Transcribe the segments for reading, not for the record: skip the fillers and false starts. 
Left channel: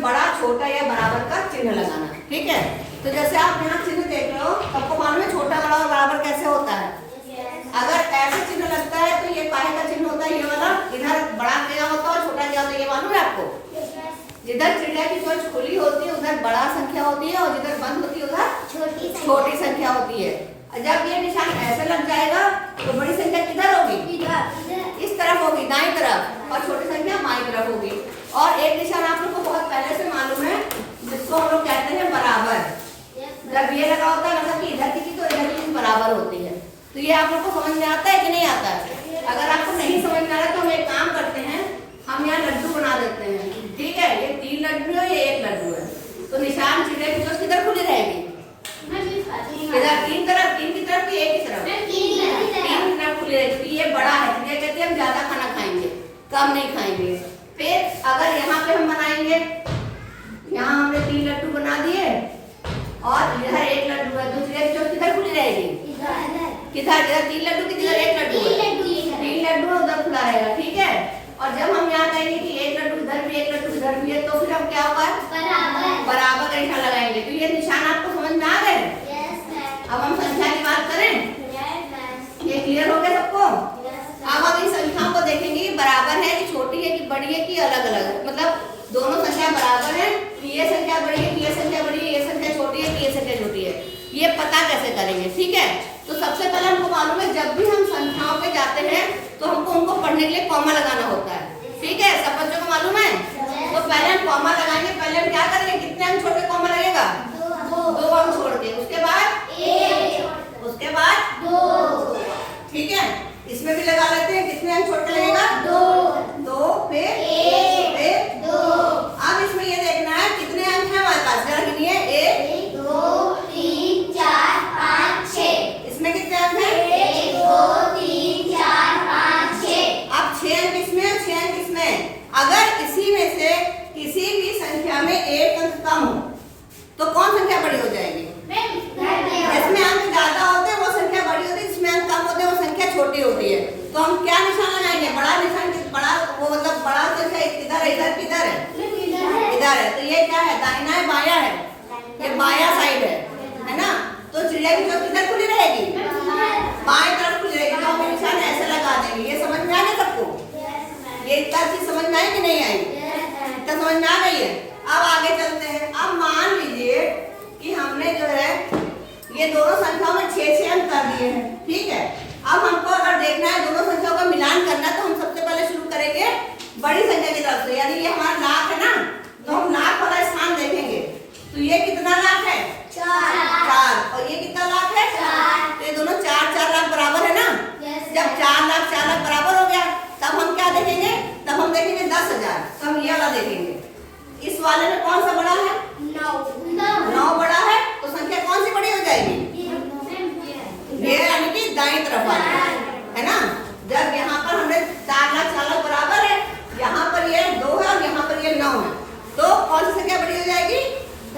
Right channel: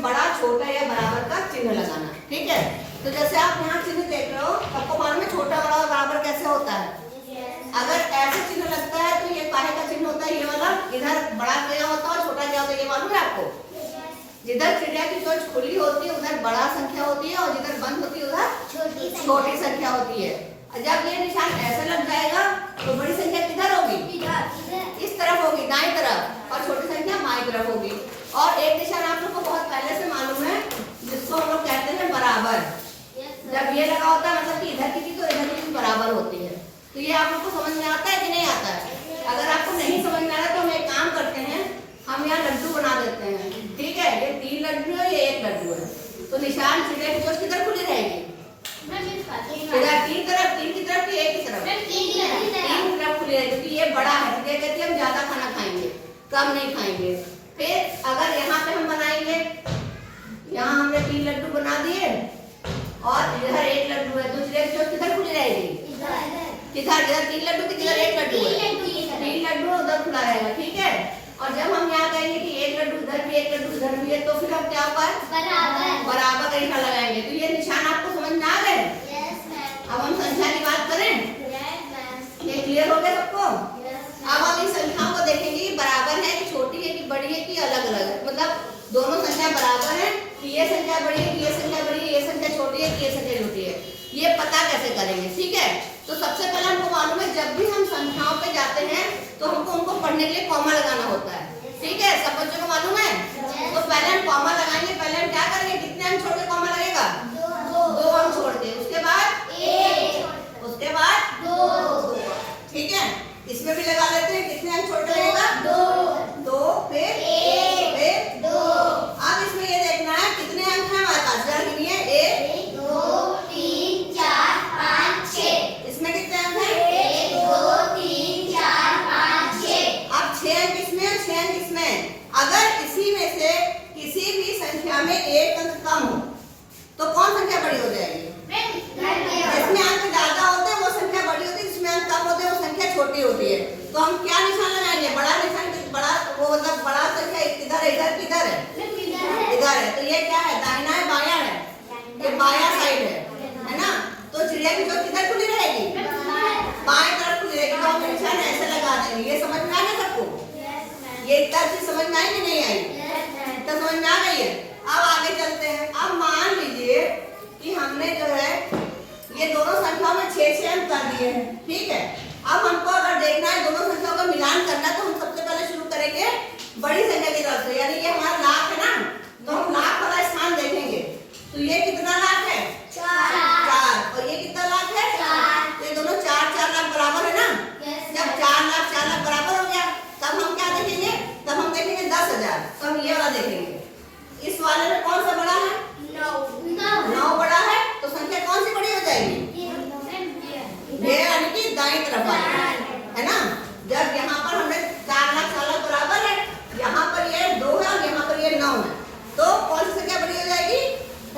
इसमें बड़ा छोटा या बराबर का चिन्ह लगाना। ठीक है, तो जैसे आप यहाँ चिन्ह देख रहे हो, सबको मालूम है छोटा बड़ा और बराबर कैसे होता है। अगर ऐसे चिन्ह लगता है तो ये काहे का चिन्ह होता है, ये वाला। इधर बड़ा क्या होता है और छोटा क्या होता है, ये मालूम है आपको। जिधर चिड़िया की चोंच खुली होती है उधर बड़ा संख्या होती है और जिधर बंद होती है उधर छोटी संख्या होती है। जब ये निशान ऐसे लग जाएगा तो बड़ी संख्या किधर होगी, इस तरफ होगी, दाईं तरफ, और छोटी संख्या बाईं तरफ होगी। और एक निशान आप लोग को बहुत पहले से मालूम है, जिसको हम लोग कहते हैं बराबर। जब ये लगा होता है मतलब कि इधर की तो इधर की बराबर होती है। तो ये आप लोग को समझ में आता है कि नहीं आता है। अगर आपको नहीं समझ में आ रहा है तो हम एक काम करते हैं, हम यहाँ लड्डू बना देते हैं। ठीक है, ये 3 लड्डू है, ये 1 लड्डू है। तो निशान चिड़िया की चोंच किधर खुली रहेगी, इधर 3 तरफ, 3 की तरफ, 1 की तरफ, 3 की तरफ खुली रहेगी। तो ये बड़ा है, चिड़िया कहती है हम ज्यादा खाना खाएंगे, कम नहीं खाएंगे। फिर अगर यहाँ पे हम बनाएंगे, यहाँ हमने 3 लड्डू बना दिए और इधर 1 लड्डू है, तो चिड़िया की चोंच किधर खुली रहेगी, किधर, इधर 3 लड्डू की जगह 1 लड्डू है, 3 लड्डू उधर खुला रहेगा। ठीक है, और जब हम यहाँ कहेंगे कि 1 लड्डू इधर भी 1 लड्डू इधर भी है, तो फिर हम क्या होगा, बराबर का निशान लगाएंगे। तो ये निशान आपको समझ में आ गए। अब हम संख्या की बात करें, ये क्लियर हो गया सबको। अब हम इन संख्याओं को देखेंगे, बराबर है कि छोटी है कि बड़ी है कि अलग अलग है, मतलब दोनों संख्या बराबर है कि ये संख्या बड़ी है कि ये संख्या बड़ी है, ये संख्या छोटी है कि ये संख्या छोटी है, ये पता कैसे करेंगे। ठीक है, तो सबसे पहले हमको मालूम है जब भी हम संख्याओं पे जाते हैं तो हमको उनको पढ़ने के लिए कॉमा लगाना होता है। ठीक है, सब बच्चों को मालूम है। तो पहले हम कॉमा लगाएंगे, पहले हम क्या करेंगे, कितने अंक छोड़ के कॉमा लगेगा, 2 अंक छोड़ के, उसके बाद 1, उसके बाद 2। ठीक है, इसमें भी लगा लेते हैं, कितने अंक छोड़ के लगेगा, 2, फिर 1, फिर 2। अब इसमें ये देखना है कितने अंक है हमारे पास, जरा गिनिए, 1 2 3 4 5 6। इसमें कितने अंक है, 1 2 3 4 5 6। अब 6 अंक इसमें और 6 अंक इसमें। अगर इसी में से किसी भी संख्या में 1 अंक कम हो तो कौन संख्या बड़ी हो जाएगी, जिसमें अंक ज्यादा होते हैं वो संख्या बड़ी होती है, जिसमें अंक कम होते हैं वो संख्या छोटी होती है। तो हम क्या निशान लगाएंगे, बड़ा निशान, बड़ा वो मतलब बड़ा संख्या किधर है, इधर किधर है, इधर है। तो ये क्या है, दाहिना है बाया है, ये बाया साइड है ना। तो चिड़िया की चोंच किधर खुली रहेगी, बाएं तरफ खुली रहेगी। तो हम निशान ऐसे लगा देंगे। ये समझ में आ गया सबको, ये इतना चीज समझ में आई कि नहीं आई, इतना समझ में आ गई है। अब आगे चलते हैं। अब मान लीजिए कि हमने जो है ये दोनों संख्याओं में 6 अंक कर दिए हैं। ठीक है, अब हमको अगर देखना है दोनों संख्याओं का मिलान करना है, तो हम सबसे पहले शुरू करेंगे बड़ी संख्या की तरफ से, यानी ये हमारा लाख है ना, तो हम लाख वाला स्थान देखेंगे। तो ये कितना लाख है, 4, और ये कितना लाख है, 4। तो ये दोनों 4 लाख बराबर है ना। जब 4 लाख बराबर हो गया तब हम क्या देखेंगे, तब हम देखेंगे 10,000। तो हम ये वाला देखेंगे, इस वाले में कौन सा बड़ा है, 9 बड़ा है। तो संख्या कौन सी बड़ी हो जाएगी, ये यानी कि दाईं तरफ वाली है ना। जब यहाँ पर हमें 4 लाख बराबर है, यहाँ पर ये 2 है और यहाँ पर ये 9 है, तो कौन सी संख्या बड़ी हो जाएगी,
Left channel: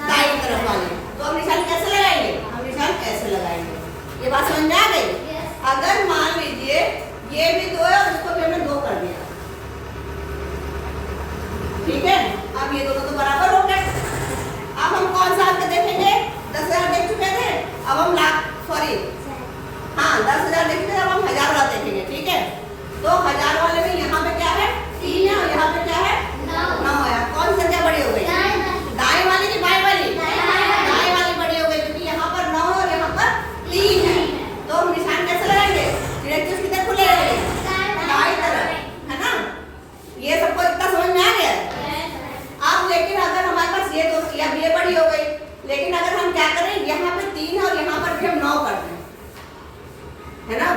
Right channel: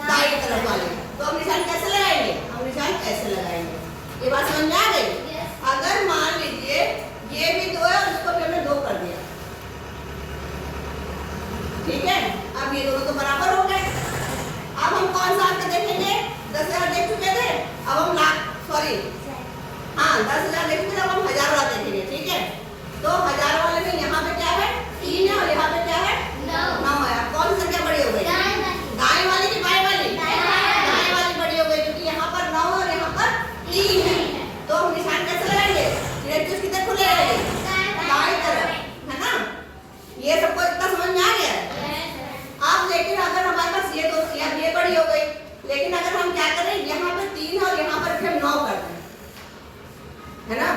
दाईं तरफ वाली। तो हम निशान कैसे लगाएंगे, हम निशान कैसे लगाएंगे, ये बात समझ में आ गई। अगर मान लीजिए ये भी 2 है और इसको भी हमने 2 कर दिया, ठीक है, अब ये दोनों तो बराबर हो गए। अब हम कौन सा अंक देखेंगे, 10,000 देख चुके थे, अब हम लाख, सॉरी हाँ 10,000 देख चुके थे, अब हम 1000 वाला देखेंगे। ठीक है, तो 1000 वाले में यहाँ पे क्या है, 3 है और यहाँ पे क्या है, 9 है। कौन सी संख्या बड़ी हो गई, दाएं वाली की बाएं वाली, दाएं वाली बड़ी हो गई, क्योंकि यहाँ पर 9 और यहाँ पर 3 है। तो हम निशान कैसे लगाएंगे, चिड़िया की चोंच किधर खुले रहेगी, दाएं तरफ, है ना। ये सबको इतना समझ में आ गया। अब लेकिन अगर हमारे पास ये 2 ये बड़ी हो गई, लेकिन अगर हम क्या करें, यहाँ पे 3 है और यहाँ पर भी हम 9 कर दें, है ना,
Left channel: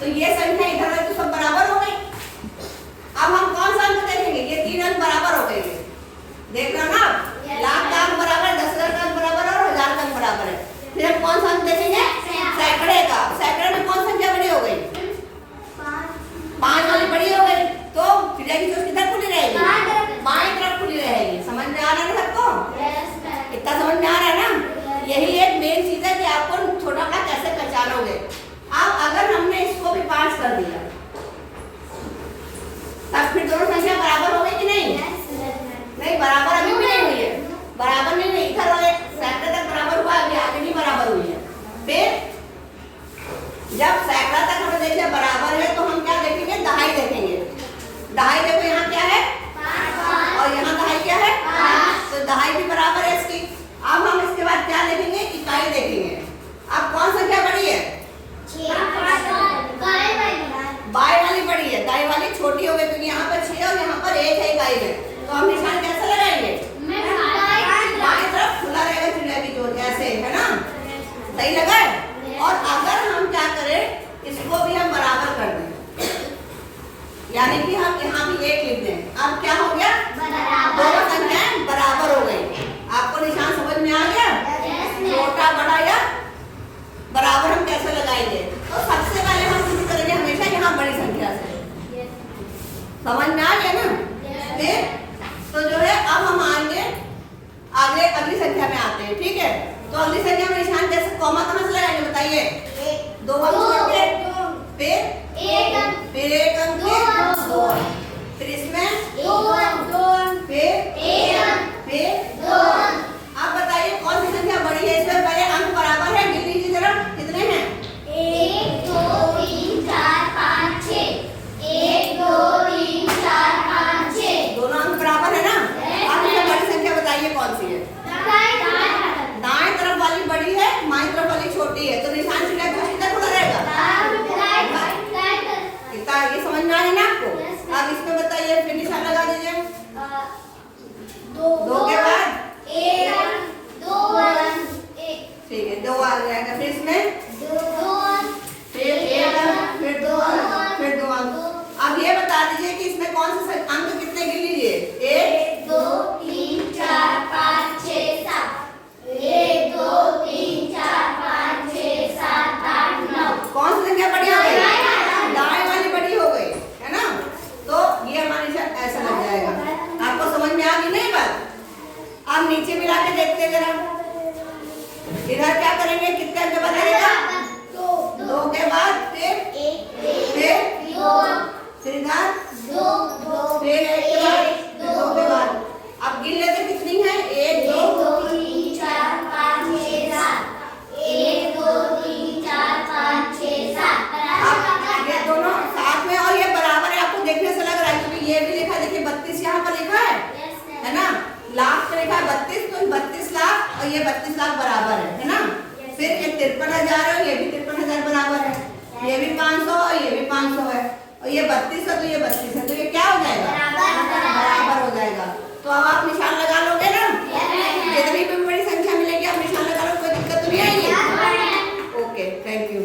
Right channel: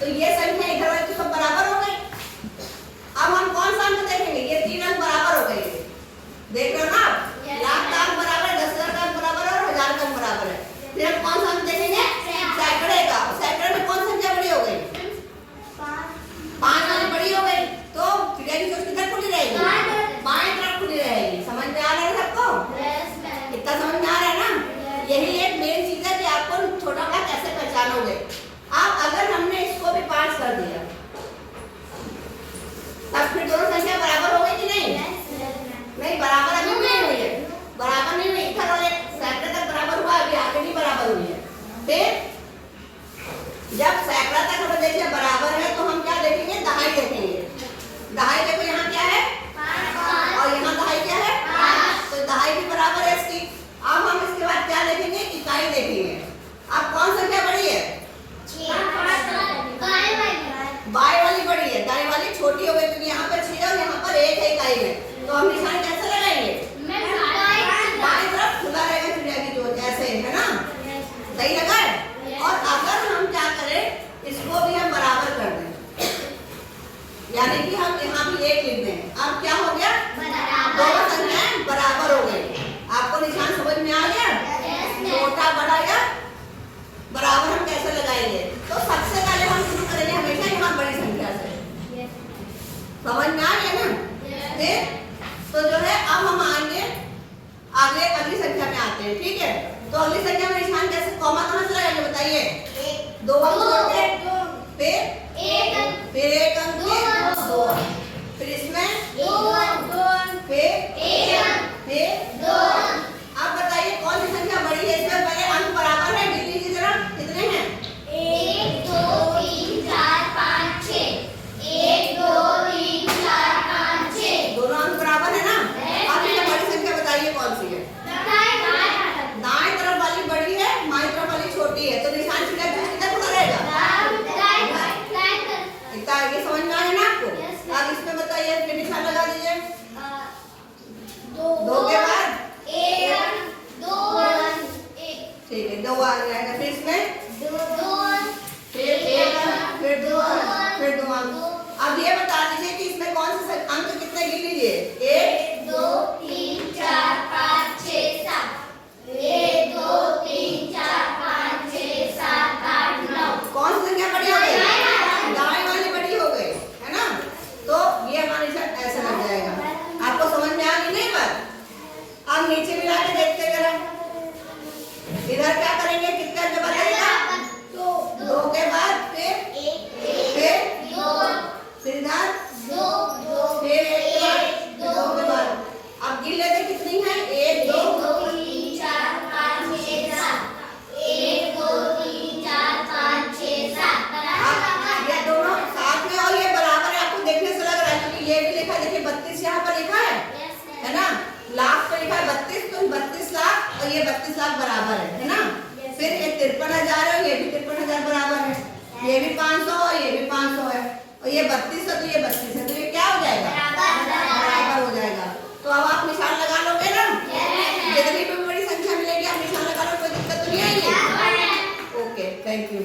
तो ये संख्या इधर वाली तो सब बराबर हो गई। अब हम कौन सा अंक देखेंगे, ये 3 अंक बराबर हो गए, देख रहे हो ना, लाख का अंक बराबर है, 10,000 का अंक बराबर है और 1000 का अंक बराबर है। फिर हम कौन सा अंक देखेंगे, सैकड़े का। सैकड़े में कौन संख्या बड़ी हो गई, 5 वाली बड़ी हो गई। तो चिड़िया की चोंच किधर खुली रहेगी, बाएं तरफ खुली रहेगी। समझ में आ रहा है सबको, इतना समझ में आ रहा है ना। यही एक मेन चीज है कि आपको छोटा बड़ा कैसे पहचानोगे। अब अगर हमने इसको भी 5 कर दिया, तब फिर दोनों संख्या बराबर हो गई कि नहीं, नहीं बराबर अभी बड़ा या बराबर हम कैसे लगाएंगे? तो सबसे पहले हम शुरू करेंगे हमेशा यहाँ बड़ी संख्या से। समझ में आ गया ना? तो जो है अब हम आएंगे आगे अगली संख्या में आते हैं, ठीक है? तो अगली संख्या में निशान कैसे कॉमा कहाँ से लगाएंगे बताइए? 2 अंक छोड़ के, फिर 1 अंक के 2 अंक, फिर इसमें 2 अंक, फिर 2 अंक। आप बताइए कौन सी संख्या बड़ी है? इसमें पहले अंक बराबर है, गिन लीजिए जरा कितने हैं? 1 2 3 4 5 6। 1 2 3 4 5 6। दोनों अंक बराबर है ना? अब ये बड़ी संख्या बताइए कौन सी है? दाएं तरफ वाली बड़ी है, बाएं तरफ वाली छोटी है, तो निशान कितना खुला रहेगा? इतना ये समझ में आ गया ना आपको? अब इसमें बताइए फिर निशान लगा दीजिए। 2 के बाद 2 ठीक है 2 आ जाएगा, फिर इसमें 2 फिर 1 अंक, फिर 2 अंक, फिर 2 अंक। अब ये बता दीजिए कि इसमें कौन से अंक कितने गिन लीजिए? 1 2 3 4 5 6 7। 1 2 3 4 5 6 7 8 9। कौन सी संख्या बड़ी हो गई? दाएं वाली बड़ी हो गई है ना? तो ये हमारे निशान ऐसा लग जाएगा। आपको समझ में आ गई नहीं बात? अब नीचे मिला के देखते हैं जरा। इधर क्या करेंगे? कितना अंक बताइएगा? 2 के बाद फिर 2 फिर इधर 2 फिर 1 के बाद 2 के बाद। अब गिन लेते कितनी है? 1 2 3 4 5 6 7। 1 2 3 4 5 6 7। अब ये दोनों साथ में और ये बराबर है, आपको देखने से लग रहा है क्योंकि ये भी लिखा है, देखिए 32 यहाँ पर लिखा है ना? लाख पे लिखा है 32, तो 32 लाख और ये 32 लाख बराबर है ना? फिर ये 53,000 है, ये भी 53,000 बराबर है, ये भी 500 और ये भी 500 है, और ये 32 है तो ये 32 है, तो ये क्या हो जाएगा? बराबर हो जाएगा। तो अब आप निशान लगा लोगे ना? जितनी भी बड़ी संख्या मिलेगी आप निशान लगा लो, कोई दिक्कत तो नहीं आएगी। Okay, thank you.